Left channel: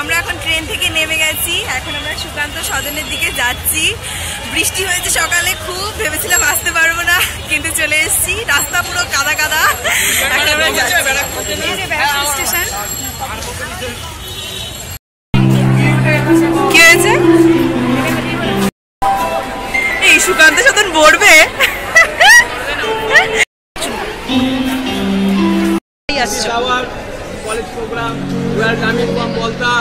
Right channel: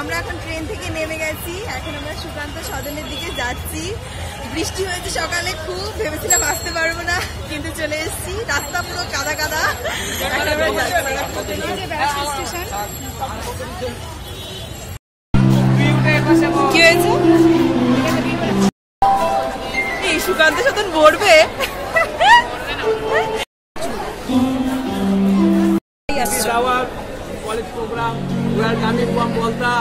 আমরা এখন ট্রেন থেকে নেমে গেছি, এখন আমরা সুকান্ত সদনের দিকে যাচ্ছি। বৃষ্টি হয়েছে সকালে, খুব ভেবেছিলাম আসতে পারবো না, কিন্তু চলে এসেছি। রাস্তা পুরো কাদা কাদা। এখন আমরা যাচ্ছি স্টেশন। কি হয়েছে? এই সুকান্ত সদন বলবে college program, we are coming from Malta.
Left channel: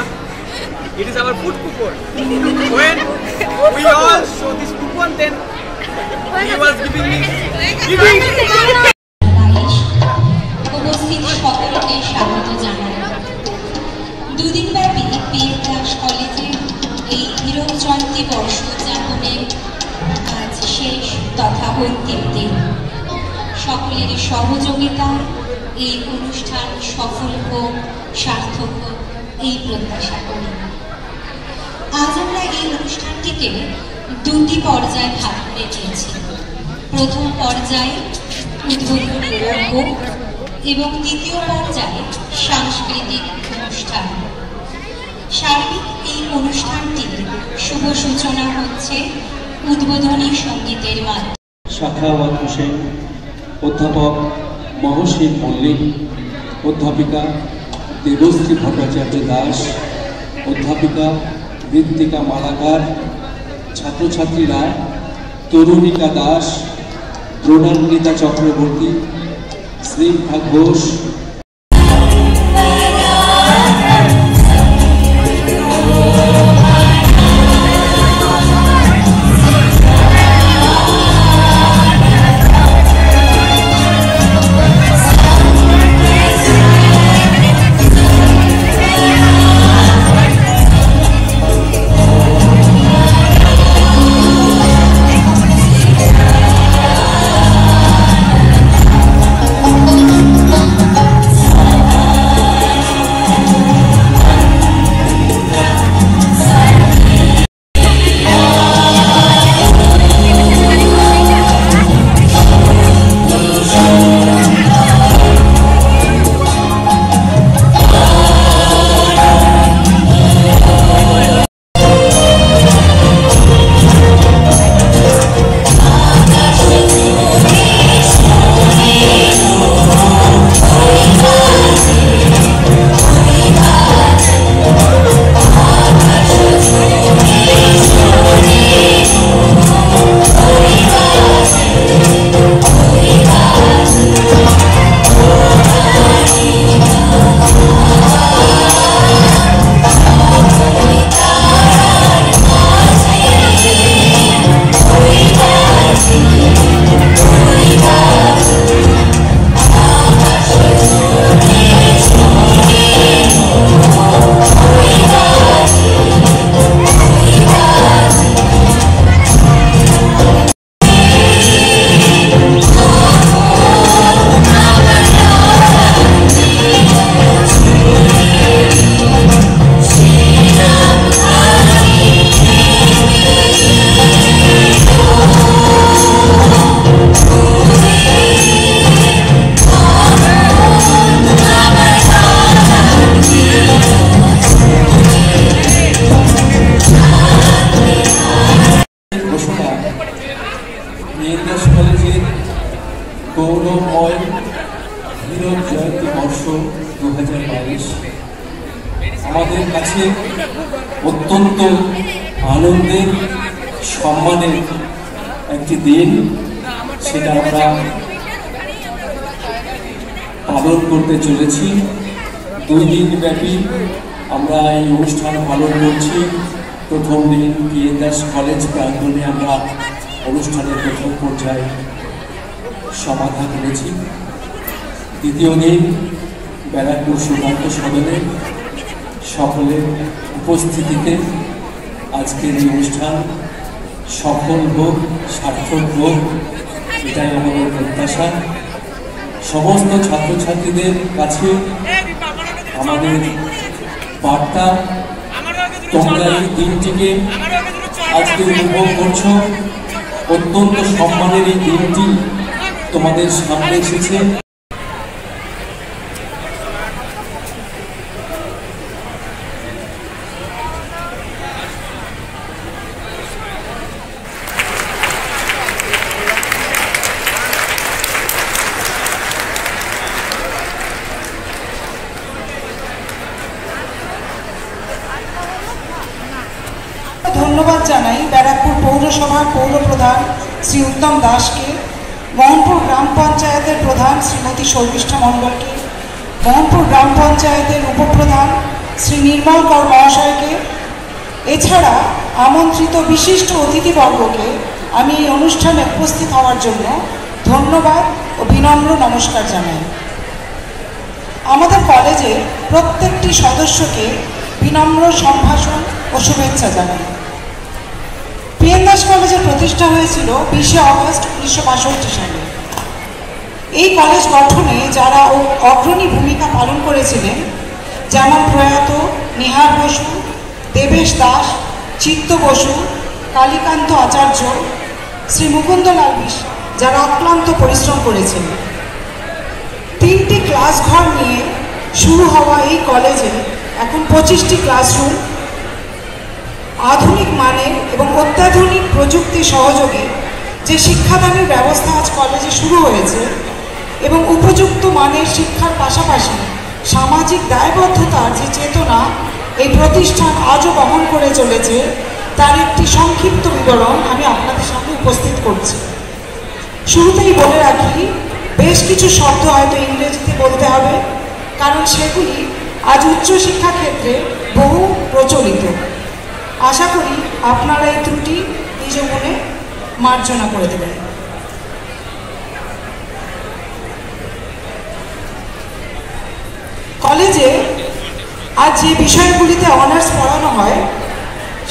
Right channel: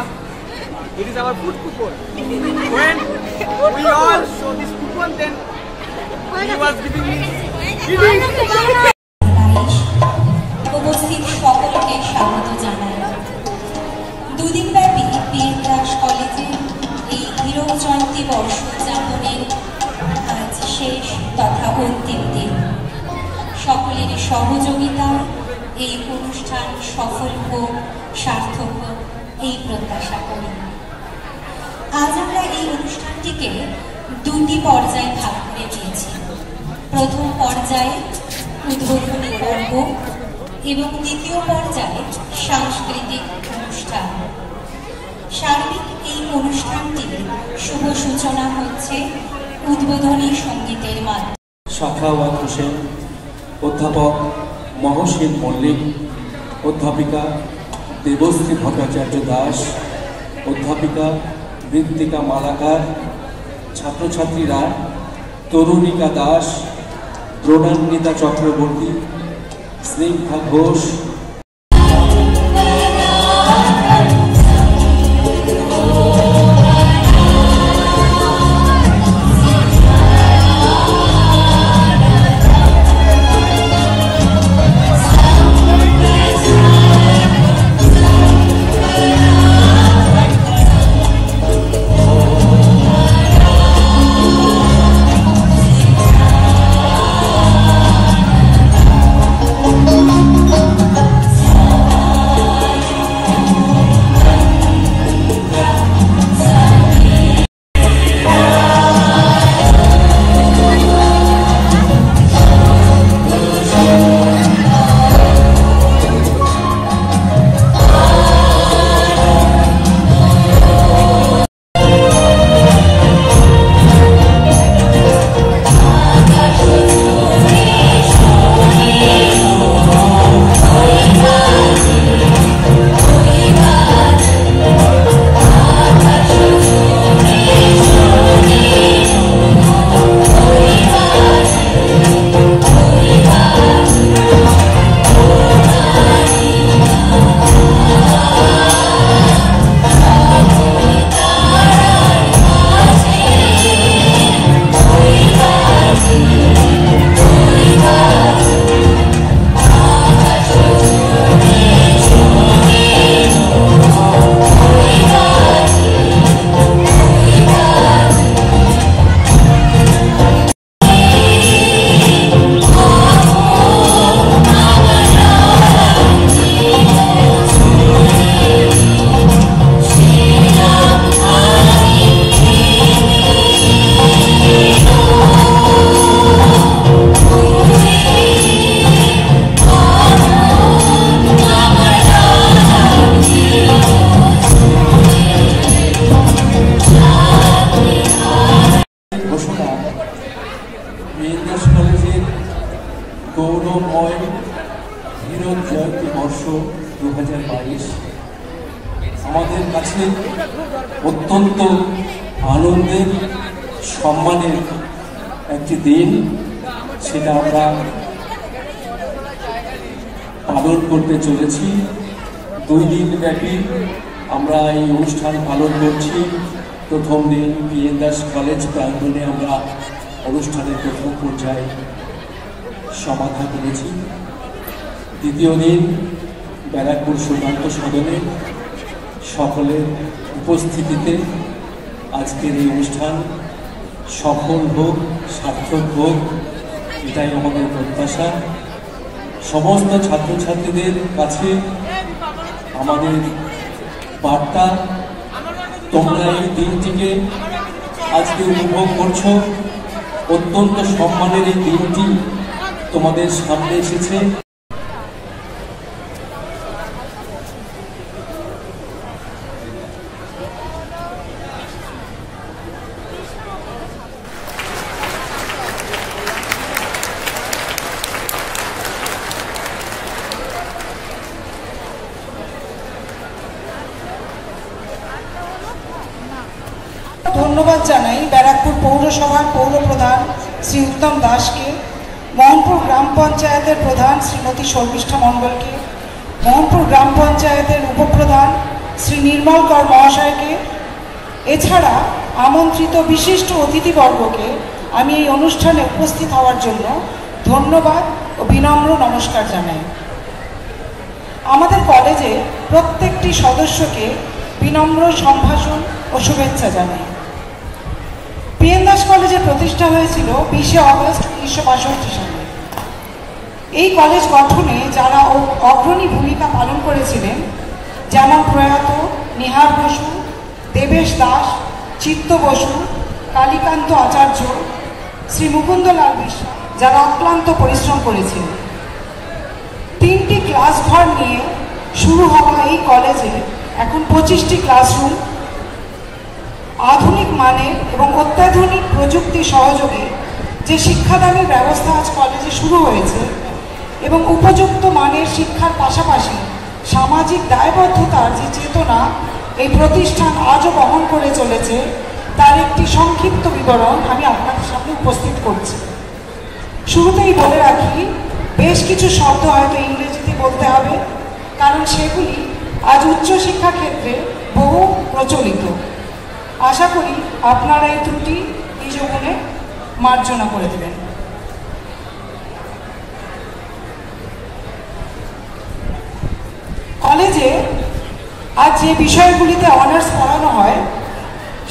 It is our food coupon. When we all show this coupon, then he was giving me উপস্থিত সকলকে স্বাগত জানাই। দুদিনব্যাপী পিএম দাস কলেজের এই হীরক জয়ন্তী বর্ষ উদযাপনের আজ শেষ তথা অন্তিম দিন। সকলের সহযোগিতায় এই অনুষ্ঠান সফল হোক, সার্থক হোক, এই প্রত্যাশা করি। আজ আমরা এই অনুষ্ঠানটিকে দুটি পর্যায়ে ভাগ করে দিয়েছি। প্রথম পর্যায়ে উদ্বোধনী পর্ব এবং দ্বিতীয় পর্যায়ে সাংস্কৃতিক অনুষ্ঠান। সার্বিক এই অনুষ্ঠানটির শুভ সূচনা হচ্ছে উদ্বোধনী সঙ্গীতের মাধ্যমে। সাখাওয়াত হোসেন, অধ্যাপক মহসিন মল্লিক, অধ্যাপিকা দেবশ্রী ভট্টাচার্য দাস, অধ্যাপিকা মৃত্তিকা মালাকার, ছাত্রছাত্রীরা তরুণিকা দাস, দ্রোণান্বিতা চক্রবর্তী, স্নিগ্ধা ঘোষ, কলেজের গৌরবময় হীরক জয়ন্তী বর্ষ 2022 আমাদের কাছে অত্যন্ত আনন্দের, সম্মানের একটি দিন। সেটা আমরা পালন করতে চলেছি। 2 দিন ব্যাপী আমরা এই অনুষ্ঠান পালন করছি। প্রথম দিন পিএন দাস কলেজ প্রাঙ্গণে আমরা অনুষ্ঠানের প্রথম পর্যায়ে সমাধা করেছি। দ্বিতীয় দিন ব্যারাকপুর সুকান্ত সদনে সকলের উপস্থিতিতে আজকের এই অনুষ্ঠান সফল হোক, সার্থক হোক, এটাই আমাদের প্রত্যাশা। সমস্ত ছাত্রছাত্রীদের কাছে আমাদের বার্তা, তোমরা এই দিনটিকে আজকে উপভোগ করছো। অত্যন্ত সম্মানের এই দিনটি তোমাদের সামনে এসেছে। ধন্যবাদ জানাই ব্যারাকপুর পৌরসভার পৌরপ্রধান শ্রী উত্তম দাসকে, মোহনপুর গ্রাম পঞ্চায়েতের প্রধান শ্রীমতী শর্মিষ্ঠা মণ্ডলকে, মোহনপুর গ্রাম পঞ্চায়েতের উপপ্রধান শ্রী নির্মল কর মহাশয়কে, এছাড়া আমন্ত্রিত বিশিষ্ট অতিথিবর্গকে আমি এই অনুষ্ঠানে উপস্থিত হওয়ার জন্য ধন্যবাদ ও বিনম্র নমস্কার জানাই। আমাদের কলেজে প্রত্যেকটি সদস্যকে বিনম্র সম্ভাষণ ও শুভেচ্ছা জানাই। পিএন দাস কলেজের প্রতিষ্ঠা হয়েছিল 20শে অগস্ট 1962 সালে। এই কলেজ গঠনে যারা অগ্রণী ভূমিকা পালন করেছিলেন, যেমন প্রয়াত নিহার বসু, দেবেশ দাস, চিত্ত বসু, কালীকান্ত আচার্য, শ্রী মুকুন্দলাল বিশ্বাস, যারা অক্লান্ত পরিশ্রম করেছেন। 3টি ক্লাস ঘর নিয়ে শুরু হওয়া এই কলেজে এখন 25টি ক্লাসরুম, আধুনিক মানের এবং অত্যাধুনিক প্রযুক্তি সহযোগে যে শিক্ষাদানের ব্যবস্থা আজ কলেজে শুরু হয়েছে এবং উপযুক্ত মানের শিক্ষার পাশাপাশি সামাজিক দায়বদ্ধতার যে চেতনা এই প্রতিষ্ঠান আজও বহন করে চলেছে, তার একটি সংক্ষিপ্ত বিবরণ আমি আপনাদের সামনে উপস্থিত করছি। শুরুতেই বলে রাখি, বেশ কিছু শব্দ হয়তো ইংরেজিতে বলতে হবে, কারণ সেগুলি আজ উচ্চশিক্ষা ক্ষেত্রে বহু প্রচলিত। আশা করি আপনারা এই ত্রুটি নিজ মনে মার্জনা করে দেবেন। কলেজে আজ যে বিষয়গুলিতে অনার্স পড়ানো হয়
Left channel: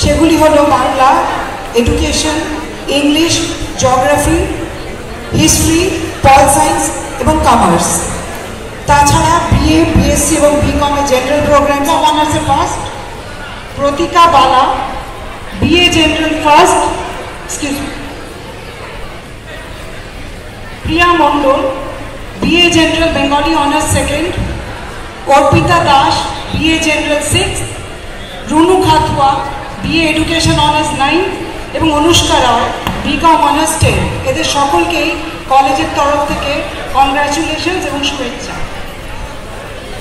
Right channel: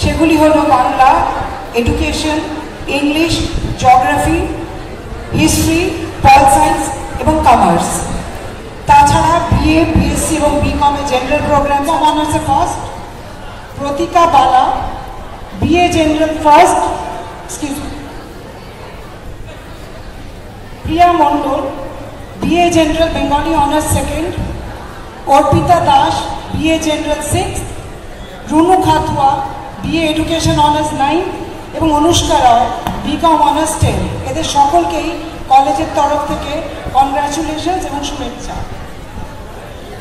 সেগুলি হলো Bangla, education, English, geography, history, pol science এবং কমার্স। তাছাড়া বিএ, বিএসসি এবং বিকমের জেনারেল প্রোগ্রাম। অনার্সে first Pratika Bala, BA general first, Priya Mondal, BA general Bengali honours second, Arpita Das, BA general 6, Runu Khatua, BA education honours 9 এবং অনুষ্কা রায়, বিকম অনার্স 10। এদের সকলকেই কলেজের তরফ থেকে কংগ্রাচুলেশনস এবং শুভেচ্ছা।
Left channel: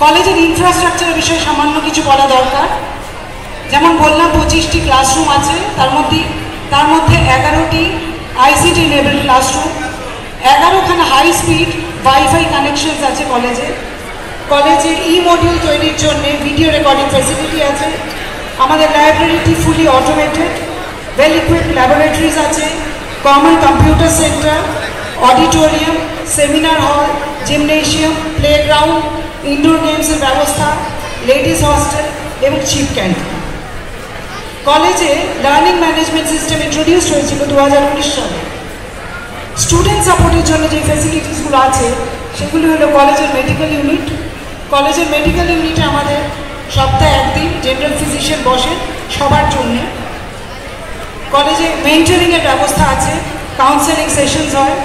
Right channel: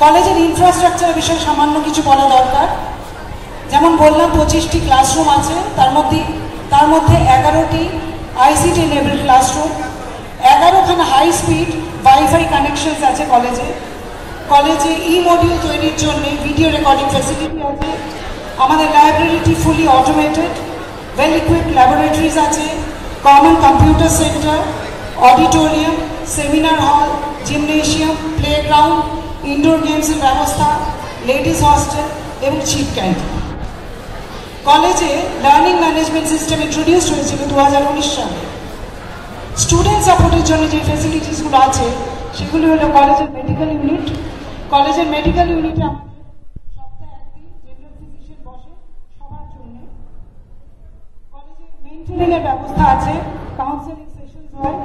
কলেজের ইনফ্রাস্ট্রাকচারের বিষয়ে সামান্য কিছু বলা দরকার। যেমন বললাম 25টি ক্লাসরুম আছে, তার মধ্যে 11টি আইসিটি এনেবলড ক্লাসরুম, 11খানা হাই স্পিড ওয়াইফাই কানেকশনস আছে কলেজে। কলেজে মডিউল তৈরির জন্য ভিডিও রেকর্ডিং ফ্যাসিলিটি আছে। আমাদের লাইব্রেরিটি ফুলি অটোমেটেড, ওয়েল ইকুইপড ল্যাবরেটরিজ আছে, common computer centre, auditorium, seminar hall, gymnasium, playground, indoor গেমসের ব্যবস্থা, লেডিস হস্টেল এবং চিপ ক্যান্টিন। কলেজে লার্নিং ম্যানেজমেন্ট সিস্টেম ইন্ট্রোডিউস হয়েছিল 2019 সালে। স্টুডেন্ট সাপোর্টের জন্য যে ফ্যাসিলিটিসগুলো আছে সেগুলি হলো কলেজের মেডিকেল ইউনিট। কলেজের মেডিকেল ইউনিটে আমাদের সপ্তাহে একদিন জেনারেল ফিজিশিয়ান বসেন সবার জন্যে। কলেজে মেন্টরিংয়ের ব্যবস্থা আছে, কাউন্সেলিং সেশনস হয়।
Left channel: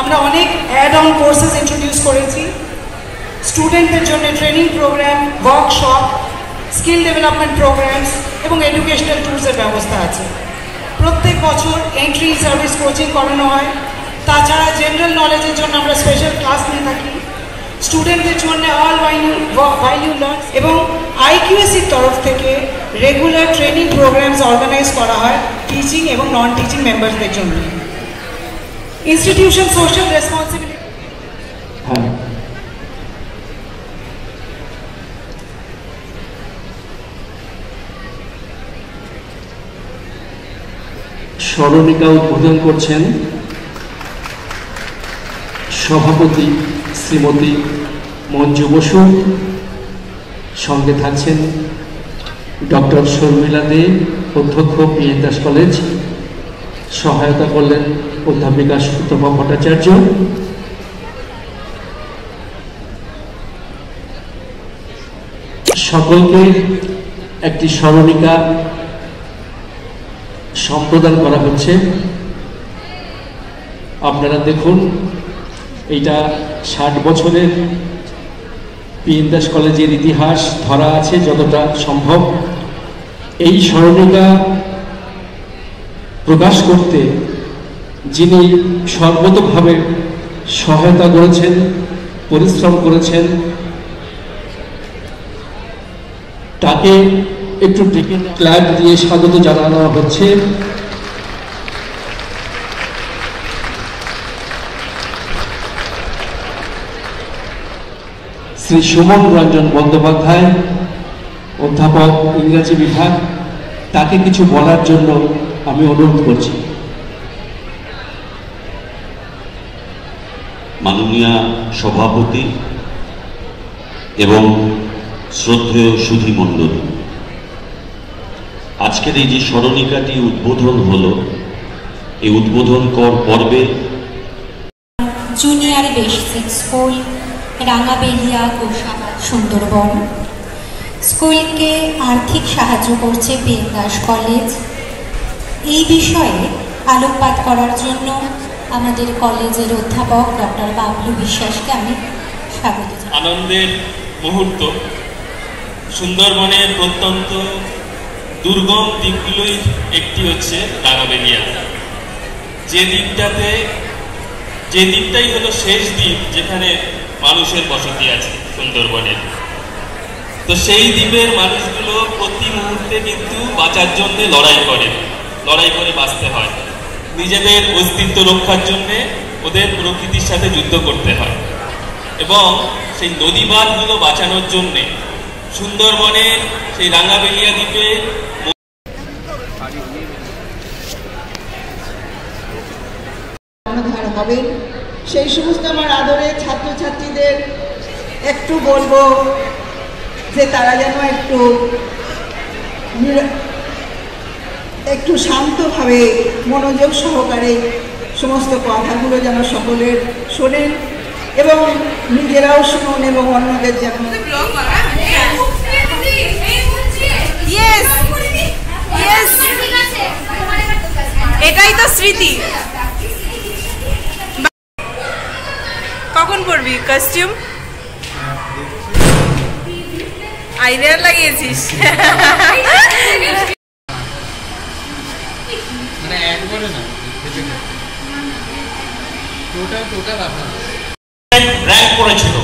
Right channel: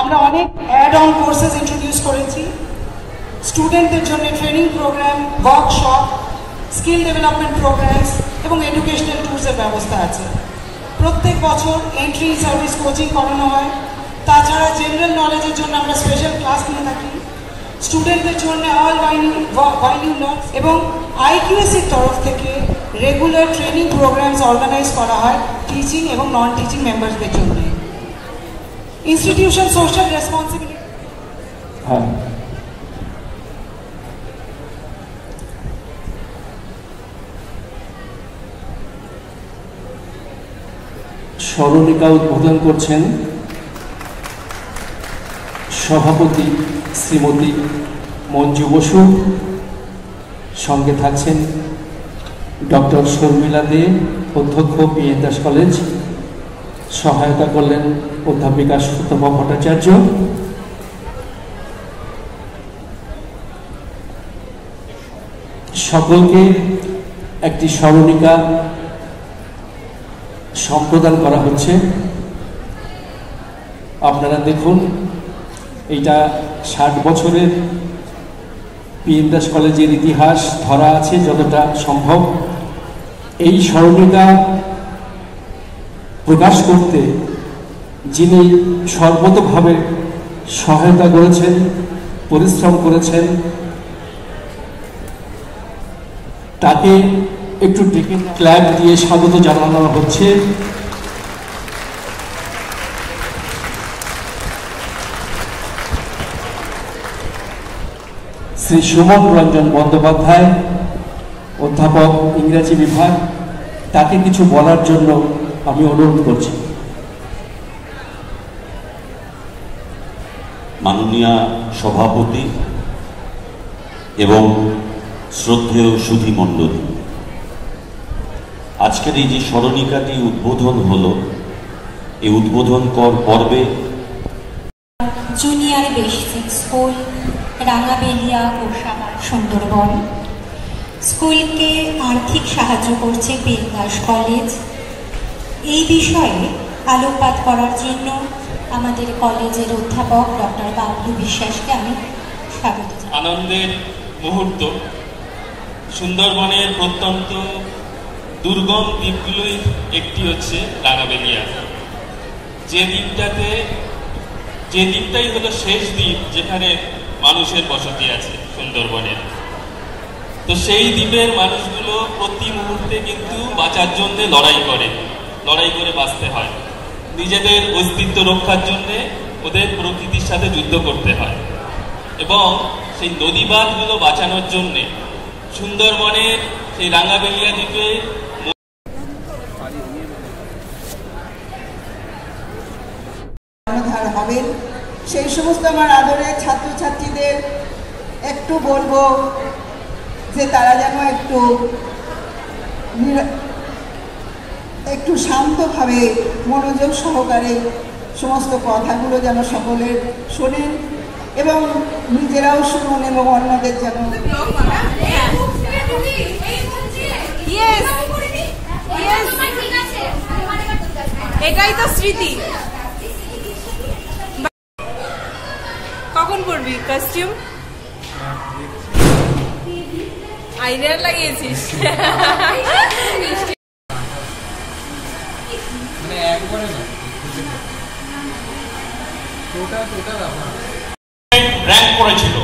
আমরা অনেক অ্যাড অন কোর্সেস ইন্ট্রোডিউস করেছি। স্টুডেন্টদের জন্য training program, workshop, skill development programs এবং এডুকেশনাল ট্যুরসের ব্যবস্থা আছে। প্রত্যেক বছর এন্ট্রি সার্ভিস কোচিং করানো হয়। তাছাড়া জেনারেল নলেজের জন্য আমরা স্পেশাল ক্লাস নিয়ে থাকি। স্টুডেন্টদের জন্য অল ভ্যালু লার্ন এবং আইকিউএসির তরফ থেকে রেগুলার ট্রেনিং প্রোগ্রামস অর্গানাইজ করা হয় টিচিং এবং নন টিচিং মেম্বারসদের জন্য। Institution social responsibility. স্মরণিকা উদ্বোধন করছেন সভাপতি শ্রীমতী মঞ্জু বসু, সঙ্গে থাকছেন ডক্টর শর্মিলা দে, অধ্যক্ষ পিএন দাস কলেজ, সহায়তা করলেন অধ্যাপিকা সুতপা ভট্টাচার্য। সকলকে একটি স্মরণিকা সম্প্রদান করা হচ্ছে। আপনারা দেখুন, এইটা 60 বছরের পিএন দাস কলেজের ইতিহাস ধরা আছে যতটা সম্ভব। এই স্মরণিকা প্রকাশ করতে যিনি সর্বতোভাবে সহায়তা করেছেন, পরিশ্রম করেছেন, তাকে একটু ডেকে ক্ল্যাপ দিয়ে স্বাগত জানানো হচ্ছে। শ্রী সুমন রঞ্জন বন্দ্যোপাধ্যায়, অধ্যাপক ইংরেজি বিভাগ, তাকে কিছু বলার জন্য আমি অনুরোধ করছি। মাননীয় সভাপতি এবং শ্রদ্ধেয় সুধী মণ্ডলী, আজকের এই যে স্মরণিকাটি উদ্বোধন হলো, এই উদ্বোধন পর্বে জুনিয়র বেসিক স্কুল রাঙাবেলিয়া গোসাবার সুন্দরবন স্কুলকে আর্থিক সাহায্য করছে বিন্দাস কলেজ। এই বিষয়ে আলোকপাত করার জন্য আমাদের কলেজের অধ্যাপক ডক্টর বাবলু বিশ্বাসকে আমি স্বাগত জানাই। আনন্দের মুহূর্ত। সুন্দরবনের প্রত্যন্ত দুর্গম দ্বীপগুলোই একটি হচ্ছে রাঙাবেলিয়া, যে দ্বীপটাই হলো শেষ দ্বীপ যেখানে মানুষের বসতি আছে সুন্দরবনের। তো সেই দ্বীপের মানুষগুলো প্রতি মুহূর্তে কিন্তু বাঁচার জন্য লড়াই করে বাঁচতে হয়। নিজেদের অস্তিত্ব রক্ষার জন্যে ওদের প্রকৃতির সাথে যুদ্ধ করতে হয়, এবং সেই নদী বাঁধগুলো বাঁচানোর জন্যে সুন্দরবনের সেই রাঙাবেলিয়া দ্বীপে হবেন। সেই সমস্ত আমার আদরের ছাত্রছাত্রীদের একটু বলবো যে তারা যেন একটু শান্তভাবে মনোযোগ সহকারে সমস্ত কথাগুলো যেন সকলের শোনেন এবং নিজেরাও শুনুন এবং অন্যদের যেন। এটাই তো স্মৃতি। কখন পরবি কস্টিউম? আইলাইনার লাগিয়েছিস? র্যাঙ্ক করেছিল,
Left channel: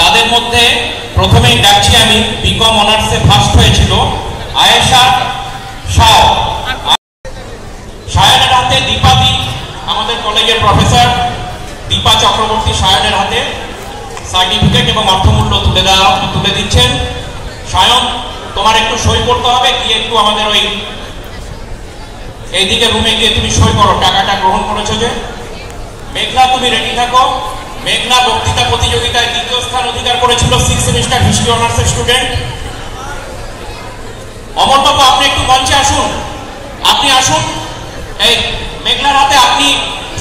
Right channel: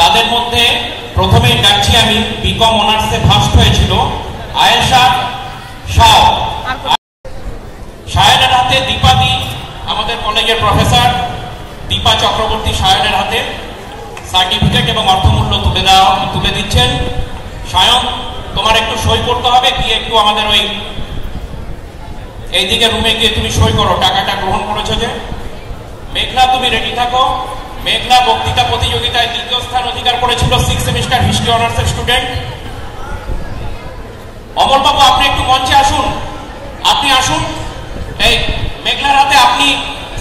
তাদের মধ্যে প্রথমেই ডাকছি আমি বিকম অনার্সে ফার্স্ট হয়েছিল আয়েশা শাহ। সায়নের হাতে দীপাদি, আমাদের কলেজের প্রফেসর দীপা চক্রবর্তী সায়নের হাতে সার্টিফিকেট এবং অর্থমূল্য তুলে দিচ্ছেন। সায়ন, তোমার একটু সই করতে হবে, গিয়ে একটু আমাদের এইদিকে রুমে গিয়ে তুমি সই করো, টাকাটা গ্রহণ করেছো যে। মেঘলা, তুমি রেডি থাকো। মেঘলা বক্তৃতা প্রতিযোগিতায় 2য় স্থান অধিকার করেছিল 6th সেমিস্টার হিস্ট্রি অনার্সের স্টুডেন্ট। অমর বাবু, আপনি একটু মঞ্চে আসুন, আপনি আসুন। এই মেঘলার হাতে আপনি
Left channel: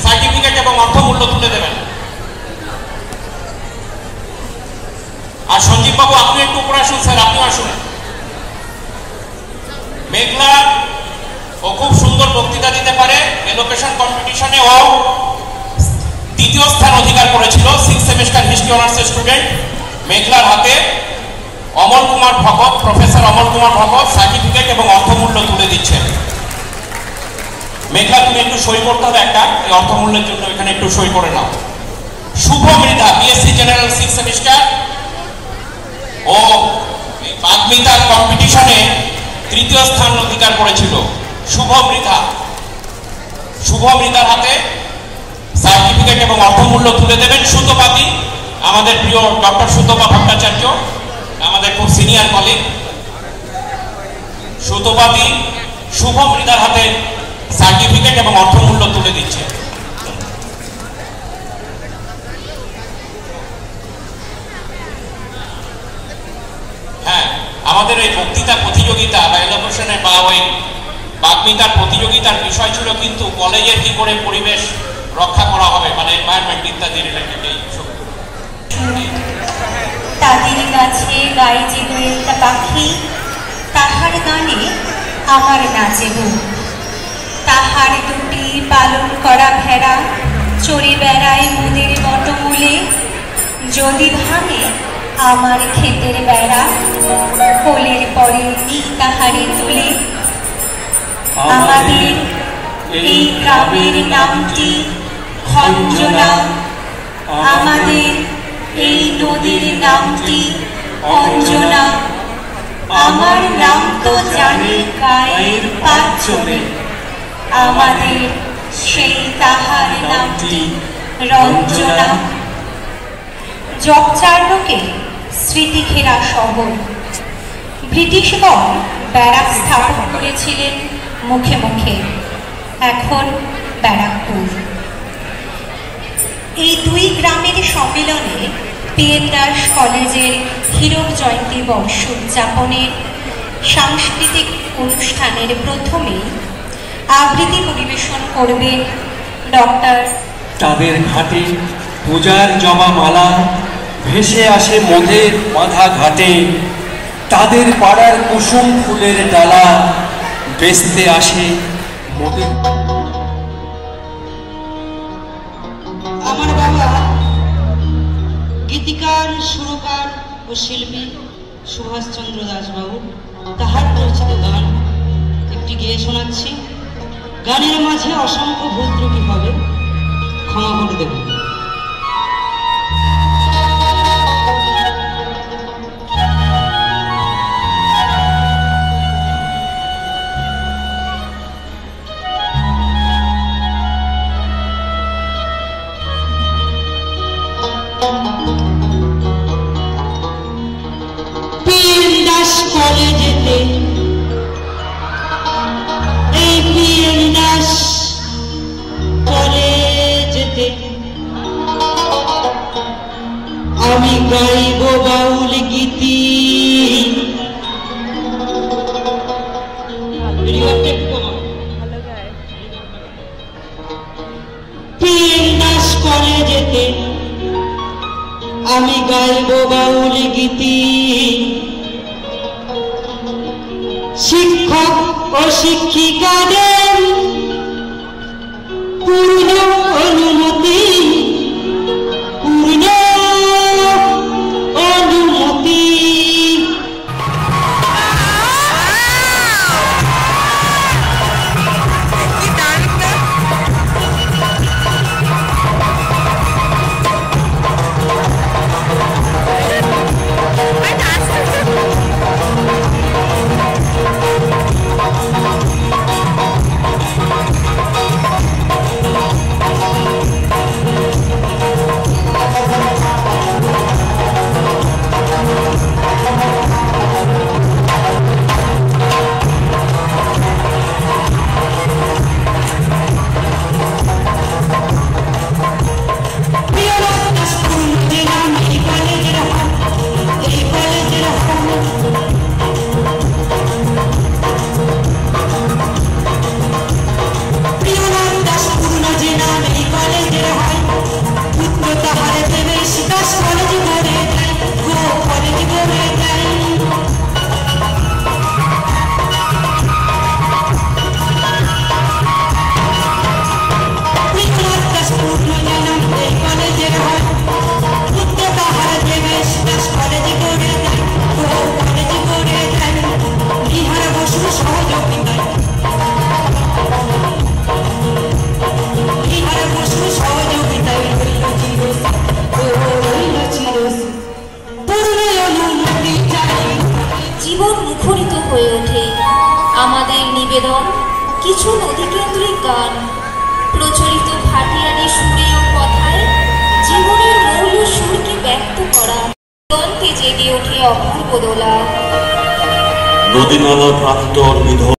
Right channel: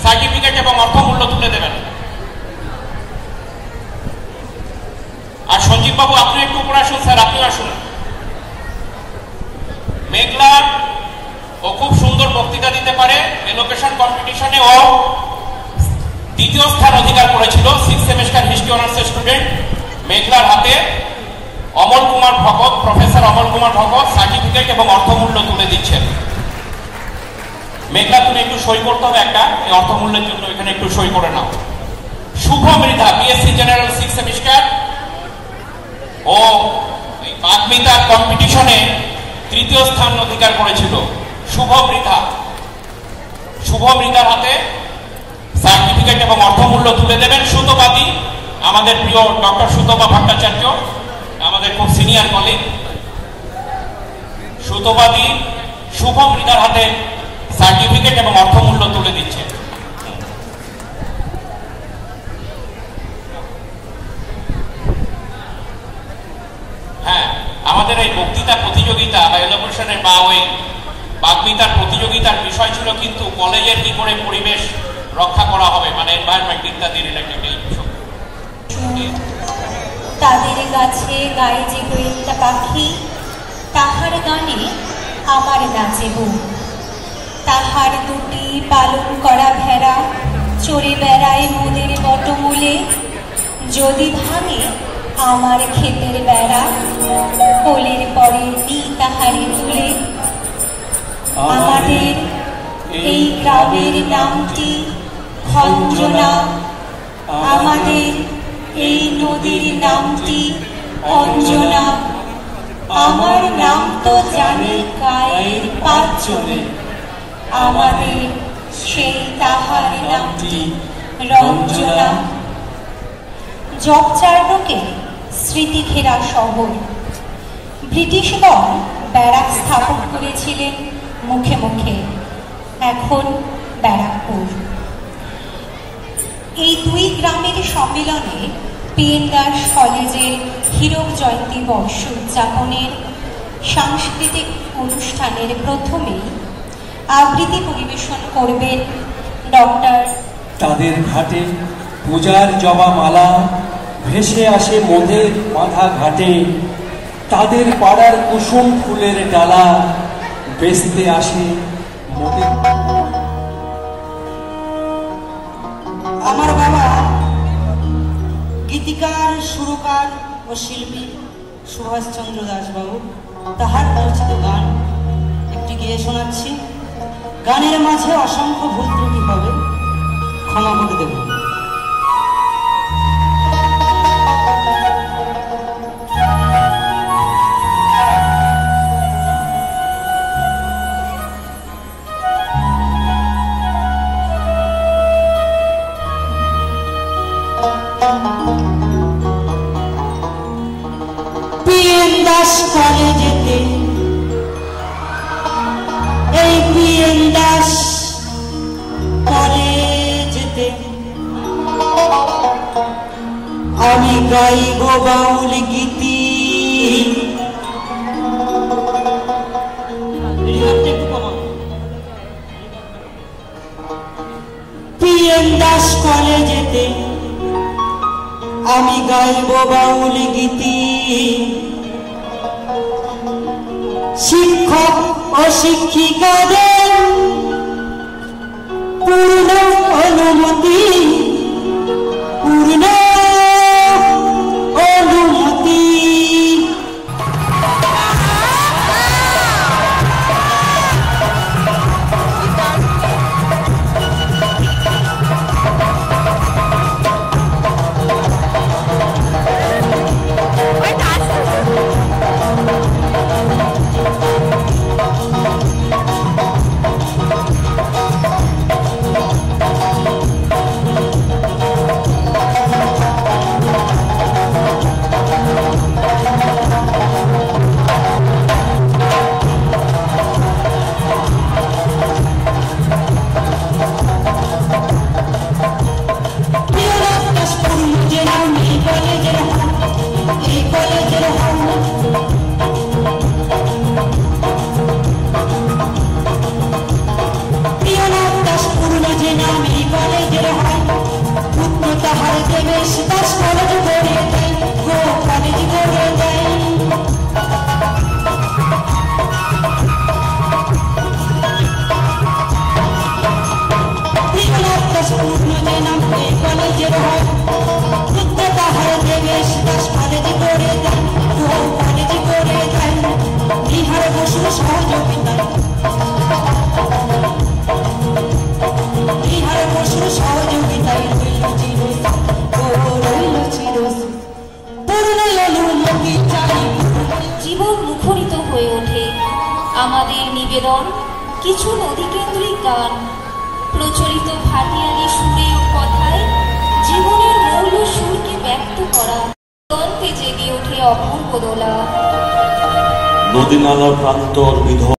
সার্টিফিকেট এবং অর্থমূল্য তুলে দেবেন। আর সঞ্জীব বাবু, আপনি একটু উপরে আসুন। স্যার, আপনি আসুন। মেঘলা ও খুব সুন্দর বক্তৃতা দিতে পারে। এলোকেশন কম্পিটিশনে ও 2য় স্থান অধিকার করেছিল 6th সেমিস্টার হিস্ট্রি অনার্সের স্টুডেন্ট। মেঘলার হাতে অমল কুমার ভগত, প্রফেসর অমল কুমার ভগত সার্টিফিকেট এবং অর্থমূল্য তুলে দিচ্ছেন। মেঘলা, তুমি একটু সই করতে হবে একটা, এই অর্থমূল্যের জন্য এখানে একটু সই করে নাও। Shubho Mridha, BSc general 6th semester, ও বাগ্মিতা কম্পিটিশনে 3য় স্থান অধিকার করেছিল। শুভ মৃধার হাতে সার্টিফিকেট এবং অর্থমূল্য তুলে দেবেন সুতোপাতি, আমাদের প্রিয় ডক্টর সুতপা ভট্টাচার্য, আমাদের খুব সিনিয়র কলিগ। সুতোপাতি শুভ মৃধার হাতে সার্টিফিকেট এবং অর্থমূল্য তুলে দিচ্ছে। হ্যাঁ, আমাদের এই বক্তৃতা প্রতিযোগিতা বা এলোকেশনে বা ওই বাগ্মিতার প্রতিযোগিতার বিষয় ছিল কিন্তু কলেজের কি করে পরিবেশ রক্ষা করা হবে, মানে এনভায়রনমেন্ট ইত্যাদি রিলেটেড। তাদের গাছে গায়ে যে দোয়েলটা পাখি, তাহার গানে আমার নাচে বউ। তাহার দুটি পালন করা ভেড়া চড়ে বেড়ায় মুদের বটমূলে। যদি ভাঙে আমার ক্ষেতের বেড়া, কোলের পরে নি তাহারে তুলে। আমাদের এই গ্রামের নামটি খঞ্জনা, আমাদের এই নদীর নামটি অঞ্জনা। আমার নাম তো জানি গায়ের পাঁচজনে, আমাদের সেই তাহার নামটি রঞ্জনা। জগচার্ণকে স্মৃতি ঘেরা শহর, ব্রিটিশগণ ব্যারাক স্থাপন করেছিলেন মুখে মুখে, এখন ব্যারাকপুর। এই দুই গ্রামের সম্মেলনে PN দাস কলেজের হীরক জয়ন্তী বর্ষ উদযাপনের সাংস্কৃতিক অনুষ্ঠানের প্রথমেই আবৃত্তি পরিবেশন করবে ডক্টর। তাদের ঘাটে পূজার জবা মালা ভেসে আসে মোদের বাঁধা ঘাটে, তাদের পাড়ার কুসুম ফুলের ডালা বেচতে আসে মোদের। আমার বাবা গীতিকার, সুরকার ও শিল্পী সুভাষচন্দ্র দাসবাবু, তাহার রচিত গান একটি গেয়ে শোনাচ্ছি। গানের মাঝে অসংখ্য ভুল ত্রুটি হবে, ক্ষমা করে দেব। PN দাস কলেজেতে, এই PN দাস কলেজেতে আমি গাইব বাউল গীতি। PN দাস কলেজেতে আমি গাইব বাউল গীতি। শিক্ষক ও শিক্ষিকাদের পূর্ণ অনুমতি, পূর্ণ অনুমতি। জীবন মুখরিত হয়ে ওঠে আমাদের নিবেদন কিছু নদীকেন্দ্রিক গান, প্রচলিত ভাটিয়ারি সুরে ও কথায় জীবনের মূল সুরকে ব্যক্ত করা। দন্তে জেগে ওঠে অপূর্ব দোলা। নদী নালা প্রান্তর নিধন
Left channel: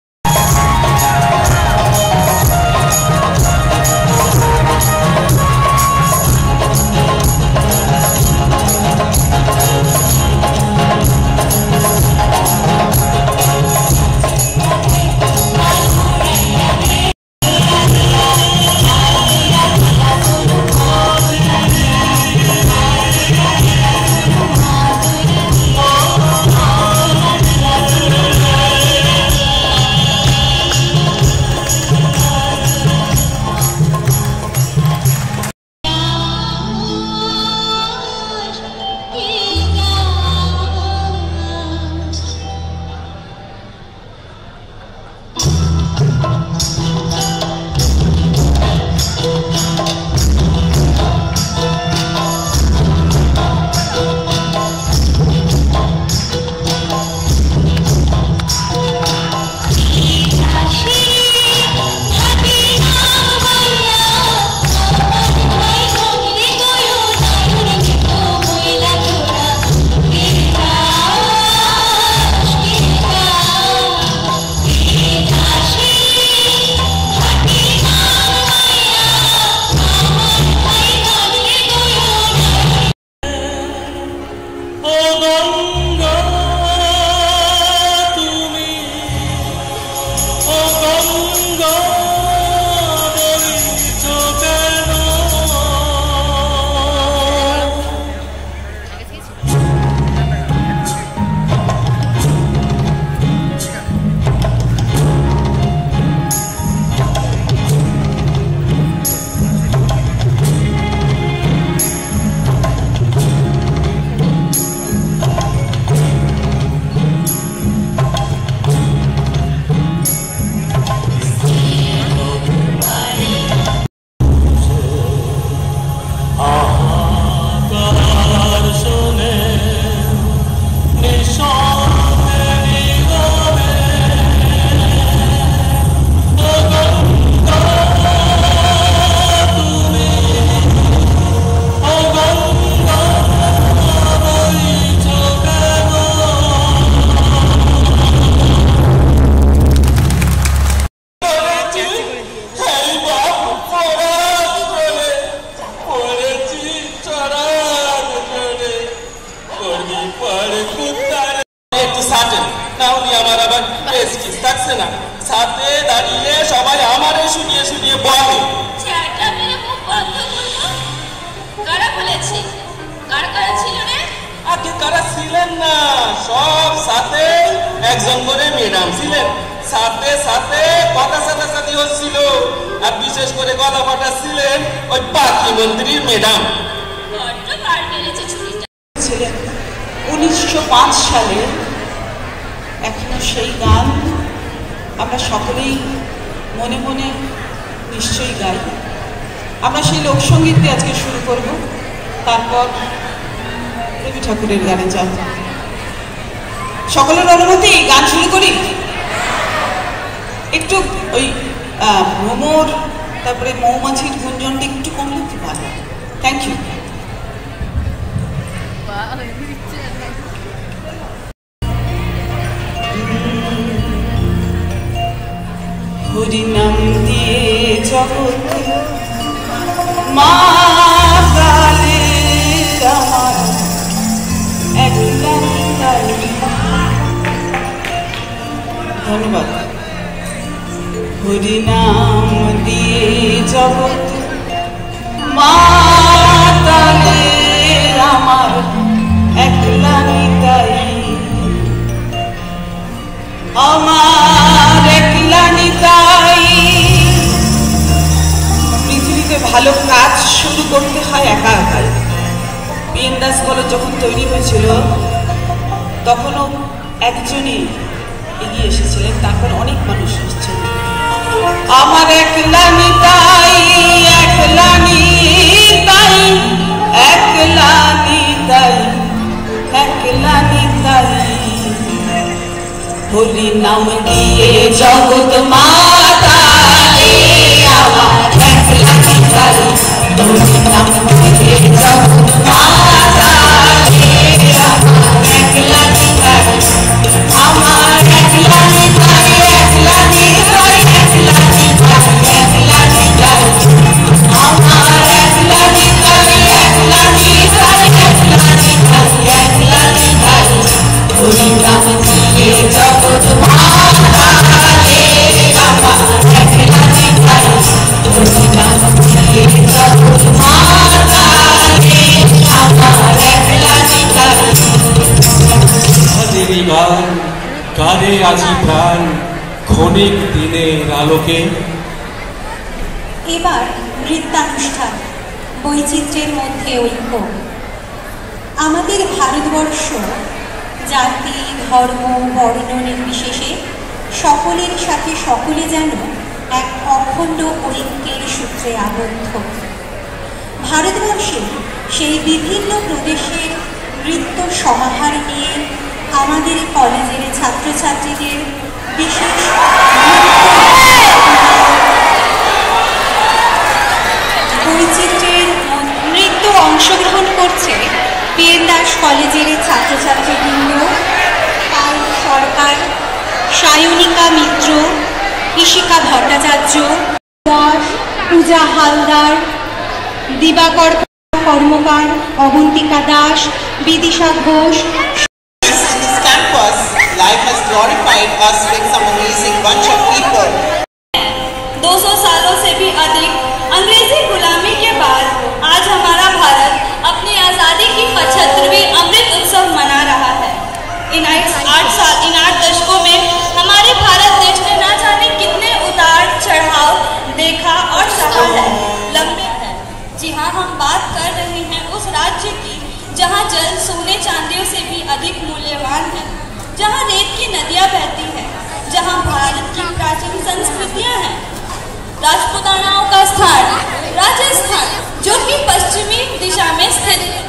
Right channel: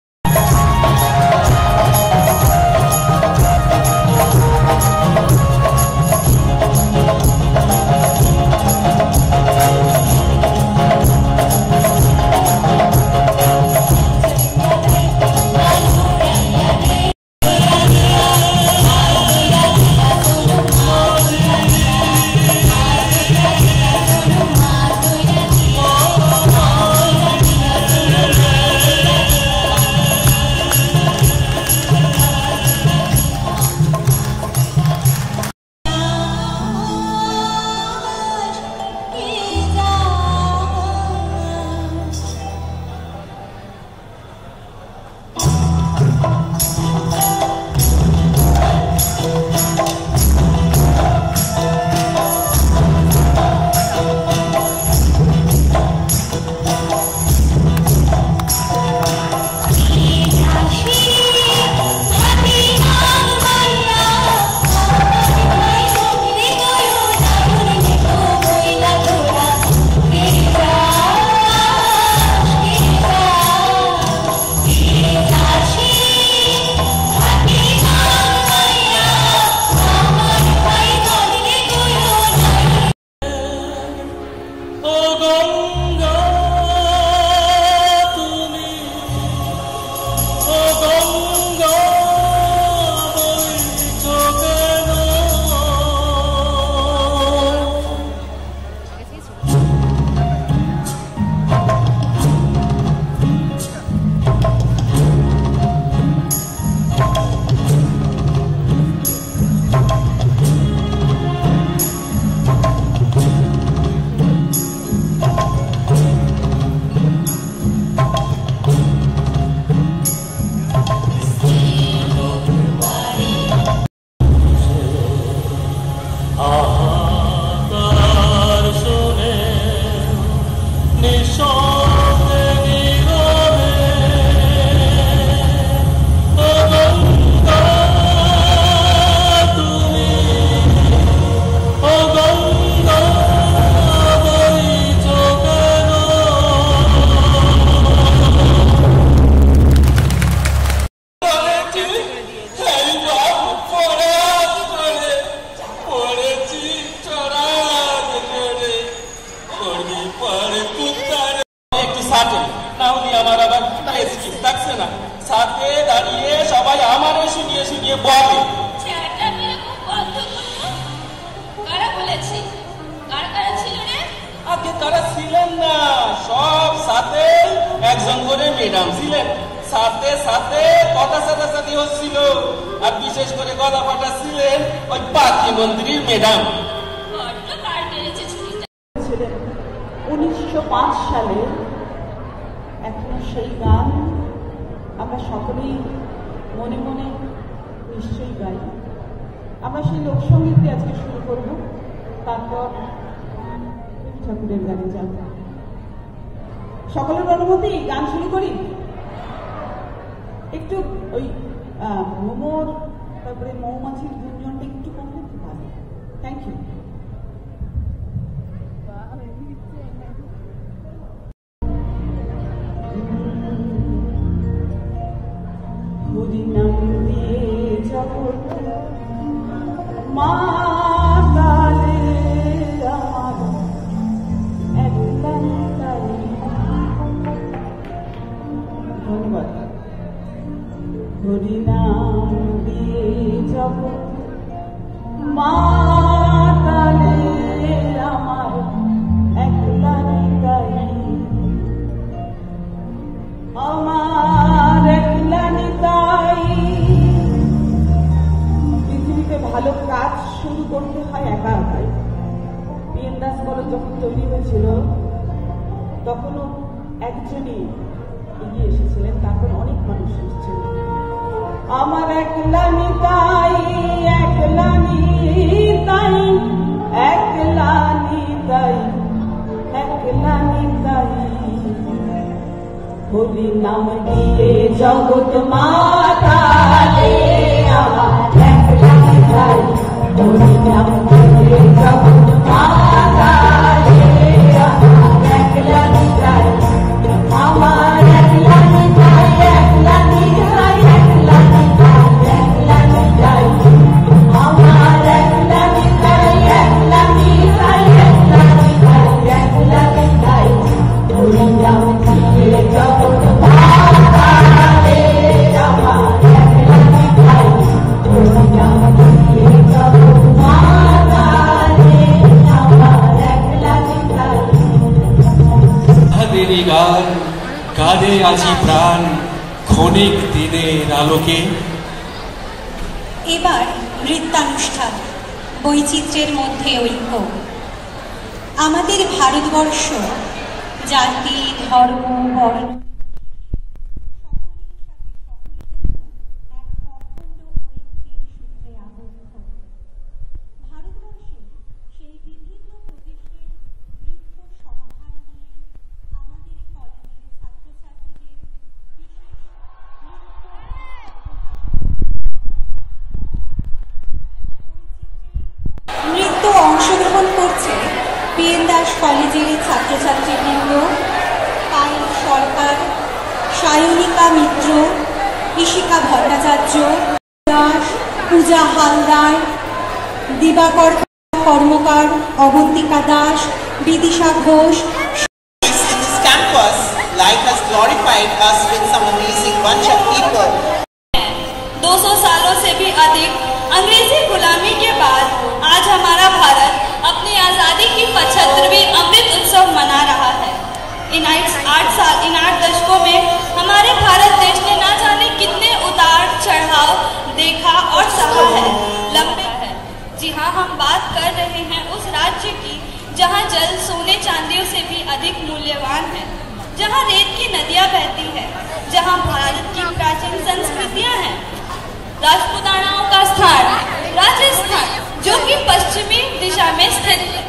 আমার আবার এক্সকিউজ থাকছে না, সাথে দাঁড়িয়ে সবাই আমারে শুনিয়ে শুনিয়ে বলে। আগে কারা ছিলেন না, সব সাথে একজন করে ম্যাডাম ছিলেন, সাথে সাথে কথা সাথে হচ্ছিল, আর বিশেষ করে গলা ফাটা ছিলেন ওই পাখি মন্ত্রীর ম্যাডাম। 1905 সালে এখনো সেই গান আমরা সকলেই মনে মনে নিশ্চয়ই গাই। আমরা সেই লোকসঙ্গীত দিয়ে আজকে শুরু করব, তারপর রবি ঠাকুরের গানে যাব। সকলের অনুমতি গান শুরু করি। একটু ওই ভ্রমর তারপরে মৌমাছির গুঞ্জনটা একটু কমলে খুব ভালো। Thank you. হরি নাম দিয়ে জগৎ মা কালে আমার একলা ধন্যবাদ। হরি নাম দিয়ে জগৎ মা কালে আমার একলা নিতাই, আমার একলা নিতাই। পৃথিবীতে ভালো কাজ শুরু করতে হয় একা একাই। বিএন দাস কলেজ যখন তৈরি হয়েছিল তখনও একজনই এগিয়ে এসেছিলেন, তারপর অনেক মানুষ এসেছিলেন। আমার একলা নিতাই, একলা নিতাই, একলা নিতাই, একলা নিতাই। হরি নাম দিয়ে জগৎ মাতা রে আমার একলা নিতাই, হরি নাম দিয়ে জগৎ মাতা রে আমার একলা নিতাই, আমার একলা নিতাই, একলা নিতাই, একলা নিতাই, একলা নিতাই, আমার একলা নিতাই, একলা নিতাই, একলা নিতাই, একলা নিতাই। হরি নাম দিয়ে জগৎ মাতা রে আমার একলা নিতাই, হরি নাম দিয়ে জগৎ মাতা রে আমার একলা নিতাই। কাদের গান কাঁদে আজি প্রাণ ক্ষণিক দিনের আলোকে। এবার নৃত্যানুষ্ঠান, বৈচিত্র্যের মধ্যে ঐক্য। আমাদের ভারতবর্ষ জাতি ধর্ম বর্ণ নির্বিশেষে সকলের সাথে সকলে যেন এক অখণ্ড ঐক্যের সূত্রে আবদ্ধ। ভারতবর্ষে সেই বিভিন্ন প্রদেশের নৃত্য সমাহার নিয়ে আমাদের কলেজের ছাত্রছাত্রীদের বিশেষ বৈচিত্র্যের নৃত্য অংশগ্রহণ করছে বিএন দাস কলেজের ছাত্রছাত্রীবৃন্দ, পায়েল সরকার, সায়নিকা মিত্র, ঈশিকা ভট্টাচার্য দাস, পূজা হালদার, দিবাকর কর্মকার, Abantika Das, Bidisha Ghosh. Life has glorified us with some amazing bunch of people. 200 सालों से भी अधिक अंग्रेजी गुलामी के बाद आज हमारा भारत अपनी आज़ादी की 75वीं अमृत उत्सव मना रहा है। इन 8 दशकों में हमारे भारत देश ने ना जाने कितने उतार चढ़ाव देखा और सहा है, लंबे है। जी हाँ, हम बात कर रहे हैं उस राज्य की जहाँ जल सोने चांदियों से भी अधिक मूल्यवान है, जहाँ रेत की नदियाँ बहती हैं, जहाँ भारत की प्राचीन संस्कृतियाँ हैं। राजपूतानाओं का स्थान राजस्थान, जो कि पश्चिमी दिशा में स्थित है।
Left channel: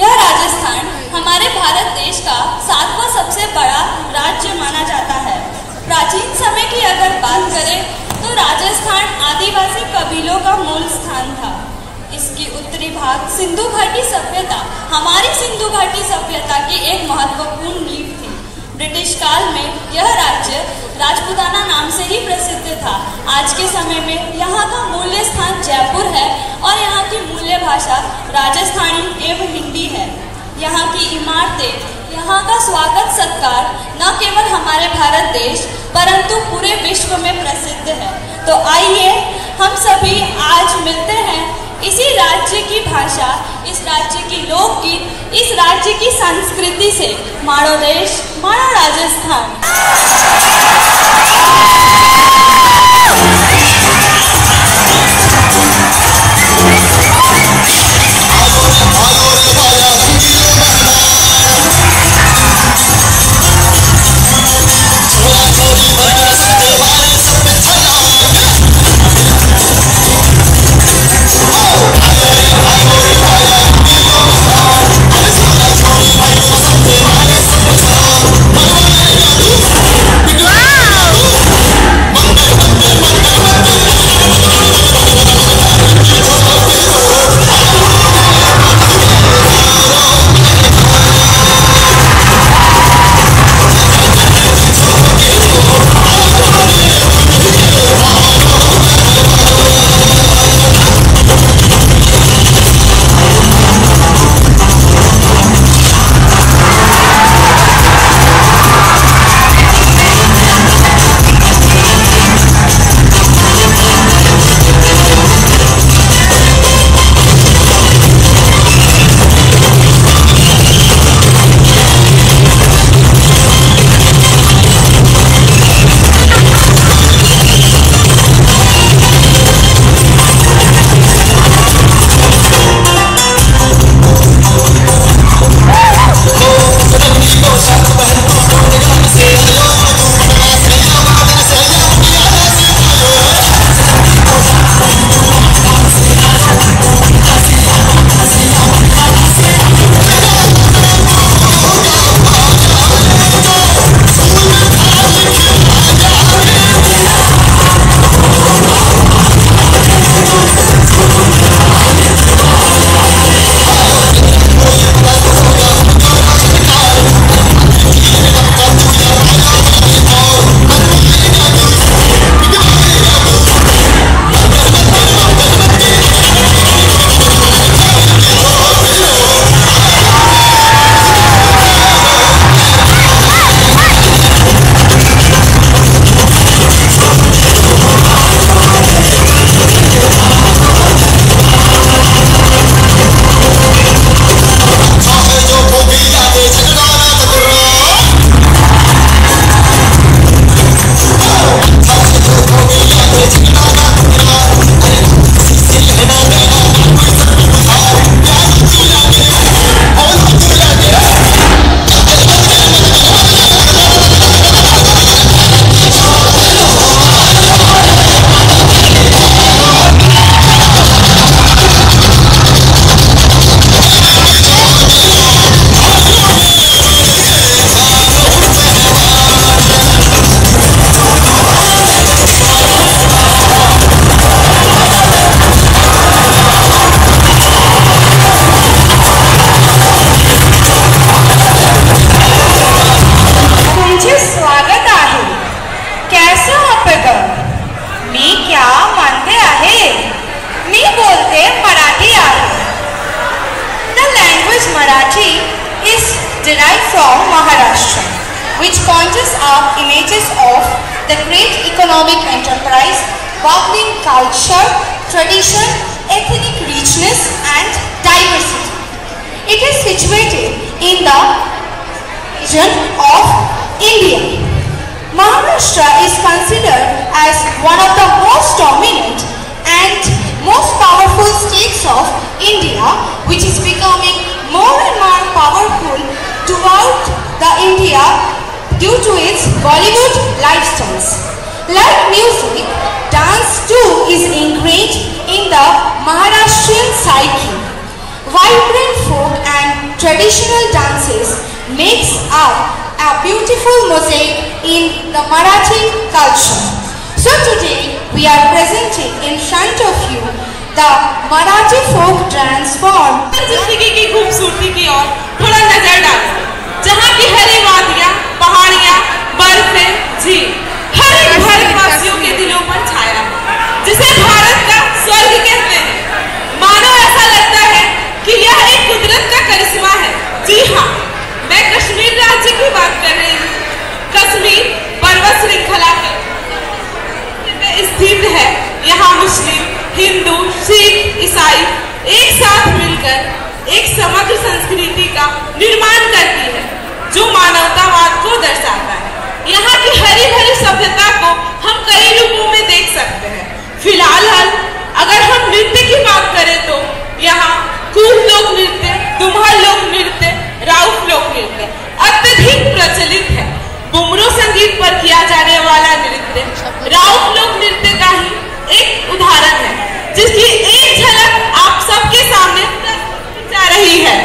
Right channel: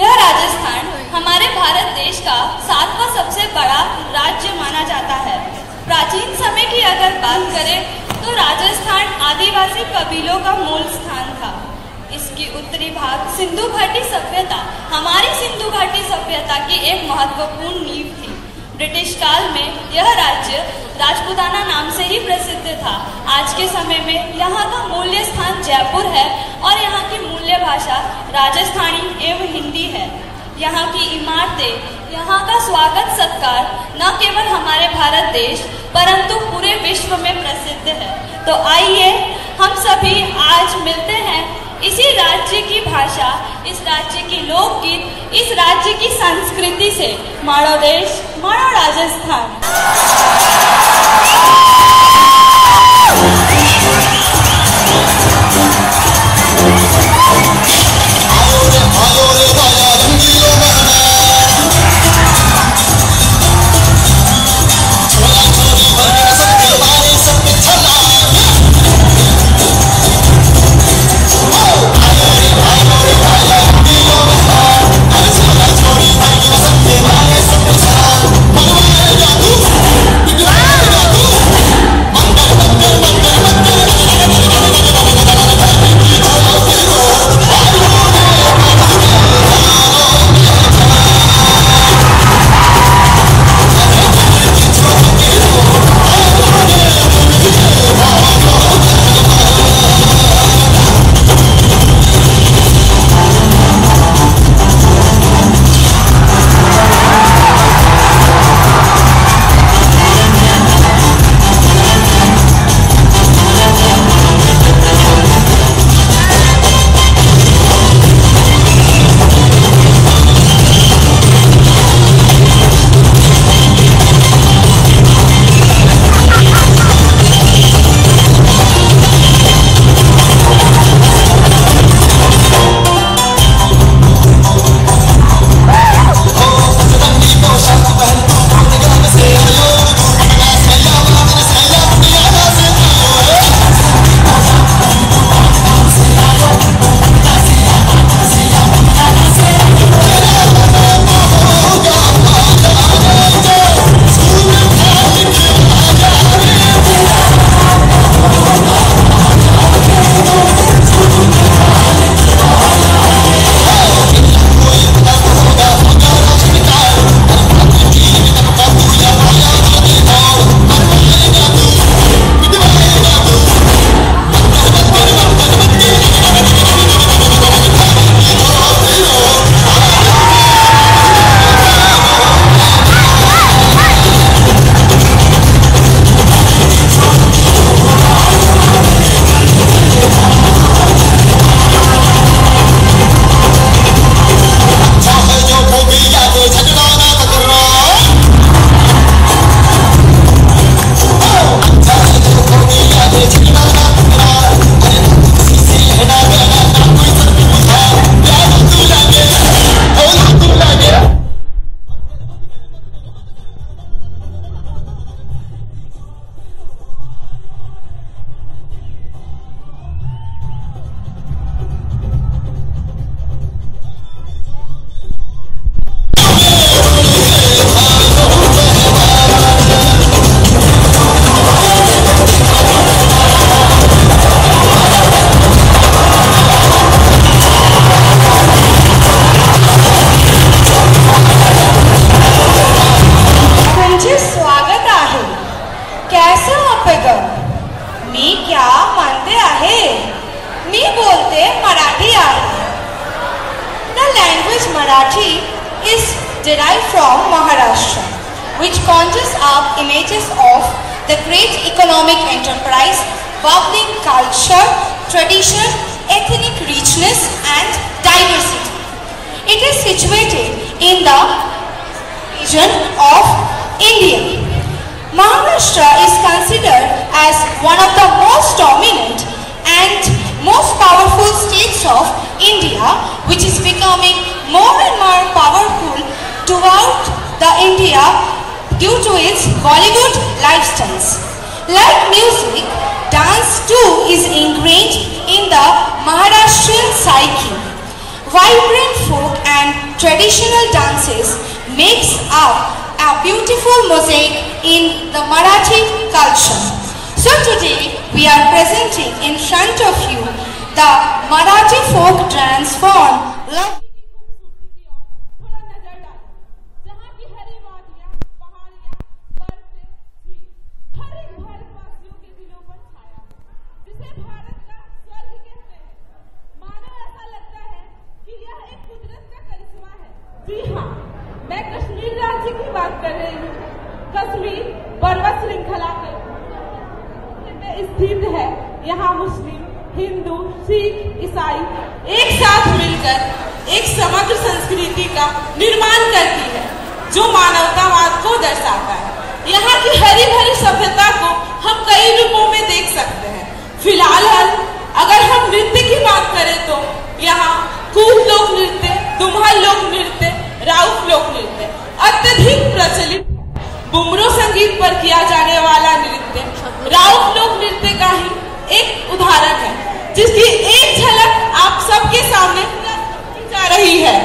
यह राजस्थान हमारे भारत देश का 7वां सबसे बड़ा राज्य माना जाता है। प्राचीन समय की अगर बात करें तो राजस्थान आदिवासी कबीलों का मूल स्थान था। इसकी उत्तरी भाग सिंधु घाटी सभ्यता हमारी सिंधु घाटी सभ्यता की एक महत्वपूर्ण नींव थी। ब्रिटिश काल में यह राज्य राजपूताना नाम से ही प्रसिद्ध था। आज के समय में यहाँ का मूल्य स्थान जयपुर है और यहाँ की मूल्य भाषा राजस्थानी एवं हिंदी है। यहाँ की इमारतें यहाँ का स्वागत सत्कार न केवल हमारे भारत देश परंतु पूरे विश्व में प्रसिद्ध है। तो आइए हम सभी आज मिलते हैं इसी राज्य की भाषा, इस राज्य की लोकगीत, इस राज्य की संस्कृति से। माड़ो देश, माड़ो Rajasthan. derived from Maharashtra, which conjures up images of the great economic enterprise, bubbling culture, tradition, ethnic richness and diversity. It is situated in the region of India. Maharashtra is considered as one of the most dominant and most powerful states of India, which is becoming more and more powerful throughout the India due to its Bollywood lifestyles. Like music, dance too is ingrained in the Maharashtrian psyche. Vibrant folk and traditional dances makes up a beautiful mosaic in the Marathi culture. So today we are presenting in front of you the Marathi folk dance form. जिंदगी की खूबसूरती की ओर थोड़ा नजर डालो, जहाँ की हरी वादियाँ, पहाड़ियाँ, बर्फें, झील, हर एक भारतवासियों के दिलों पर छाया है, जिसे भारत का स्वर्ग कहते हैं। मानो ऐसा लगता है कि यह एक कुदरत का करिश्मा है। जी हाँ, मैं कश्मीर को दर्शाता है। यहाँ की हरी भरी सभ्यता को हम कई रूपों में देख सकते हैं। फिलहाल अगर हम नृत्य की बात करें तो यहाँ कूल लोक नृत्य, दुम्हा लोक नृत्य, राउफ लोक नृत्य अत्यधिक प्रचलित है। बुमरो संगीत पर किया जाने वाला नृत्य राउफ लोक नृत्य का ही एक उदाहरण है, जिसकी एक झलक आप सबके सामने जा रही है।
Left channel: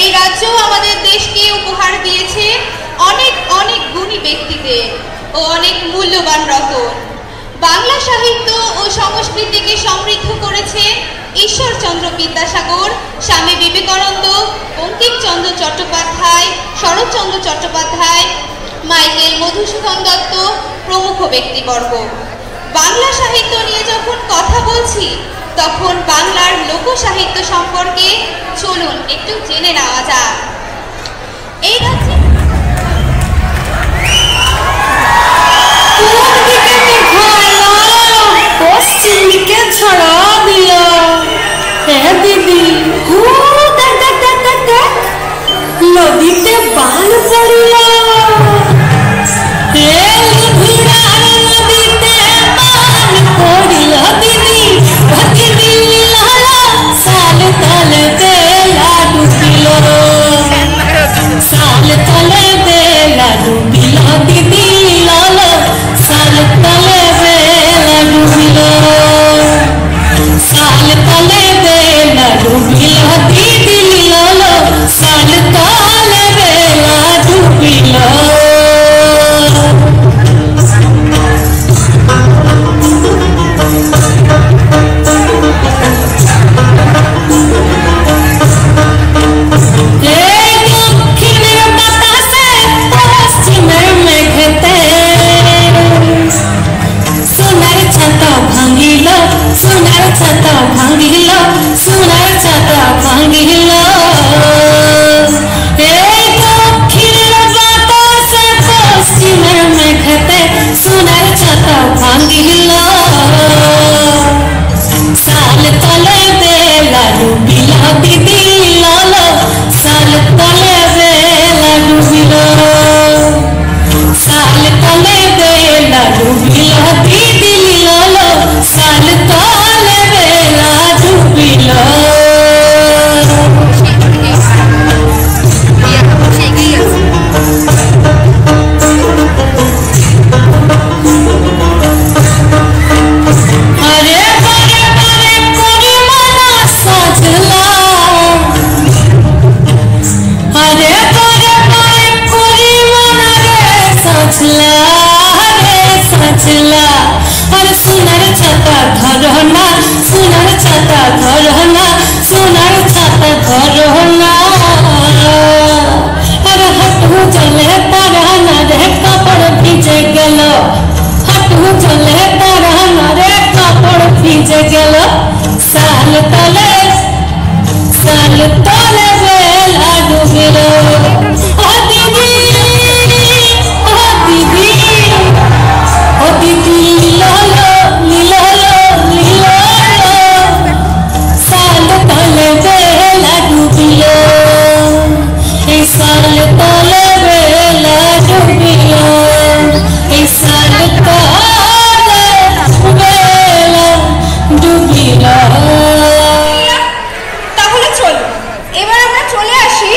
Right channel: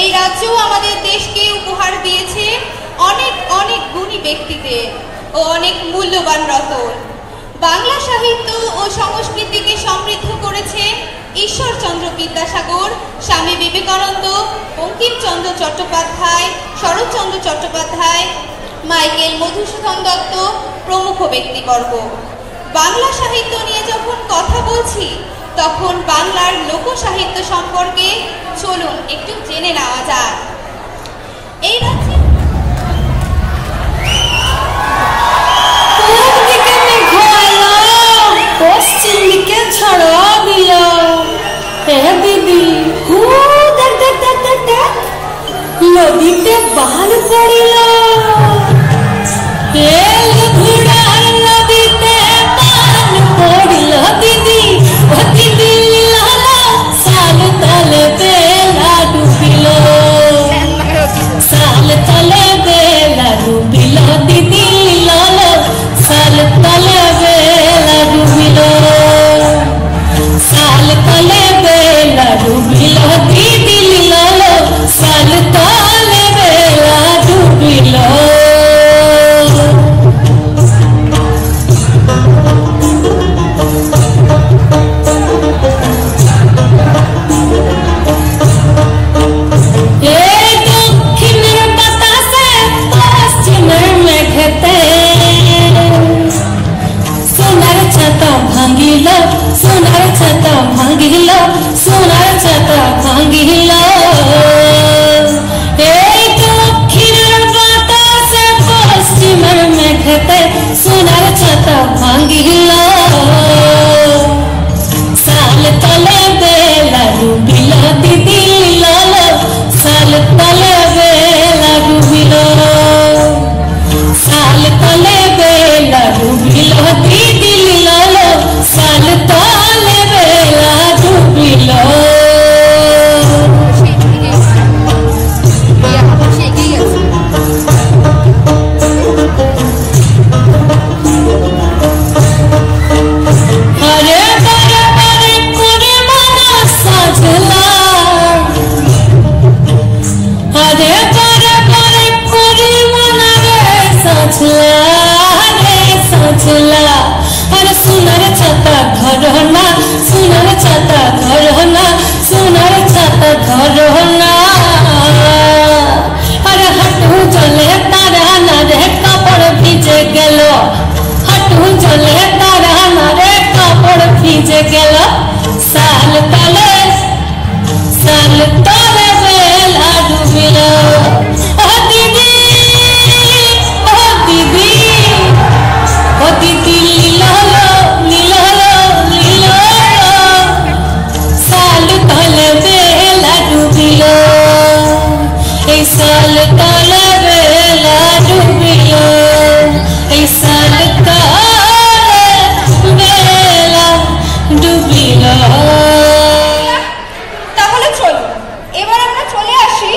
এই রাজ্য আমাদের দেশকে উপহার দিয়েছে অনেক অনেক গুণী ব্যক্তিদের। ও অনেক মূল্যবান রতন। বাংলা সাহিত্য ও সংস্কৃতিকে সমৃদ্ধ করেছে ঈশ্বরচন্দ্র বিদ্যাসাগর, স্বামী বিবেকানন্দ, বঙ্কিমচন্দ্র চট্টোপাধ্যায়, শরৎচন্দ্র চট্টোপাধ্যায়, মাইকেল মধুসূদন দত্ত প্রমুখ ব্যক্তিবর্গ। বাংলা সাহিত্য নিয়ে যখন কথা বলছি তখন বাংলার লোকসাহিত্য সম্পর্কে চলুন একটু জেনে নেওয়া যাক। এই রাজ্যে পশ্চিম দিকে ছড়া দিল দিদি, নদীতে বান পড়িল, নদীতে বান পড়িল দিদি, দিদি সাল তলে বেলা ডুবিল, সাল তলে বেলা ডুবিল দিদি, সাল তলে বেলা ডুবিল, সাল তলে বেলা ডুবিল দিদি, সাল তলে বেলা ডুবিল। সোনার ছাতা ভাঙিল, সোনার ছাতা ভাঙিল, এই দক্ষিণের বাতাসে পশ্চিমের মেঘেতে সোনার ছাতা ভাঙিল, সাল তলে বেলা ডুবিল দিদি, সাল তলে বেলা ডুবিল, সাল তলে বেলা ডুবিল দিদি, সাল তলে বেলা ডুবিল। আরে বারে বারে করে মানা সাজলা, আরে বারে বারে করে মানা রে সাজলা, রে সাজলা, আর সোনার ছাতা ধরো না, সোনার ছাতা ধরো না, সোনার ছাতা ধরো না, আর হাঁটু জলে তারা না রে কাপড় ভিজে গেল, হাঁটু জলে তারা না রে কাপড় ভিজে গেল, সাল তলে বেলা ডুবিল, দিদি দিদি, ও দিদি সাল তলে বেলা ডুবিল, এই সাল তলে বেলা ডুবিল, এই সাল তলে বেলা ডুবিল। তাহলে চলুন এবার আমরা চলে আসি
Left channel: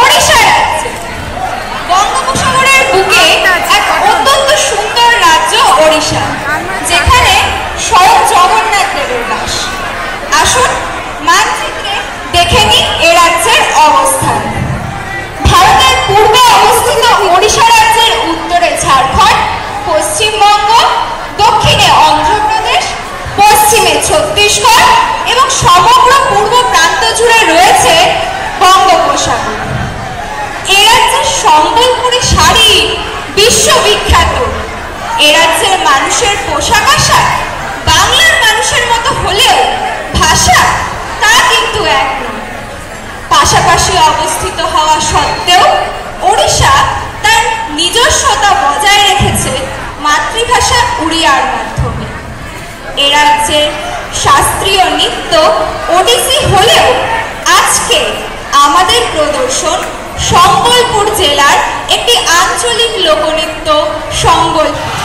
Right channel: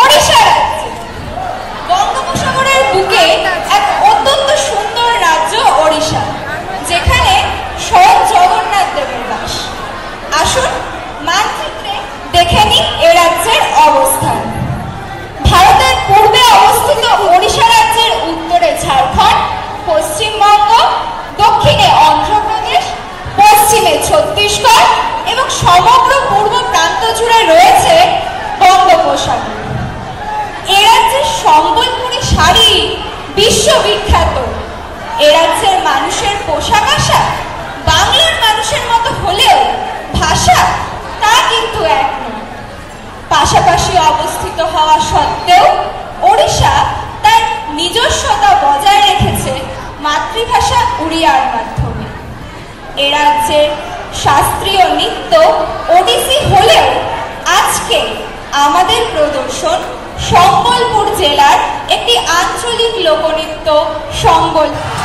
ওড়িশা রাজ্যে। বঙ্গোপসাগরের বুকে এক অত্যন্ত সুন্দর রাজ্য ওড়িশা, যেখানে স্বয়ং জগন্নাথ দেবের বাস। আসুন মানচিত্রে দেখে নিই এ রাজ্যের অবস্থান। ভারতের পূর্বে অবস্থিত ওড়িশা রাজ্যের উত্তরে ঝাড়খণ্ড, পশ্চিমবঙ্গ, দক্ষিণে অন্ধ্রপ্রদেশ, পশ্চিমে ছত্তিশগড় এবং সমগ্র পূর্ব প্রান্ত জুড়ে রয়েছে বঙ্গোপসাগর। এ রাজ্যের সম্বলপুরী শাড়ি বিশ্ববিখ্যাত। এ রাজ্যের মানুষের পোশাক আশাক বাংলার মানুষের মতো হলেও ভাষা তা কিন্তু এক নয়। পাশাপাশি অবস্থিত হওয়া সত্ত্বেও ওড়িশা তার নিজস্বতা বজায় রেখেছে মাতৃভাষা উড়িয়ার মাধ্যমে। এ রাজ্যের শাস্ত্রীয় নৃত্য ওডিসি হলেও আজকে আমাদের প্রদর্শন সম্বলপুর জেলার একটি আঞ্চলিক লোকনৃত্য সম্বলপুর।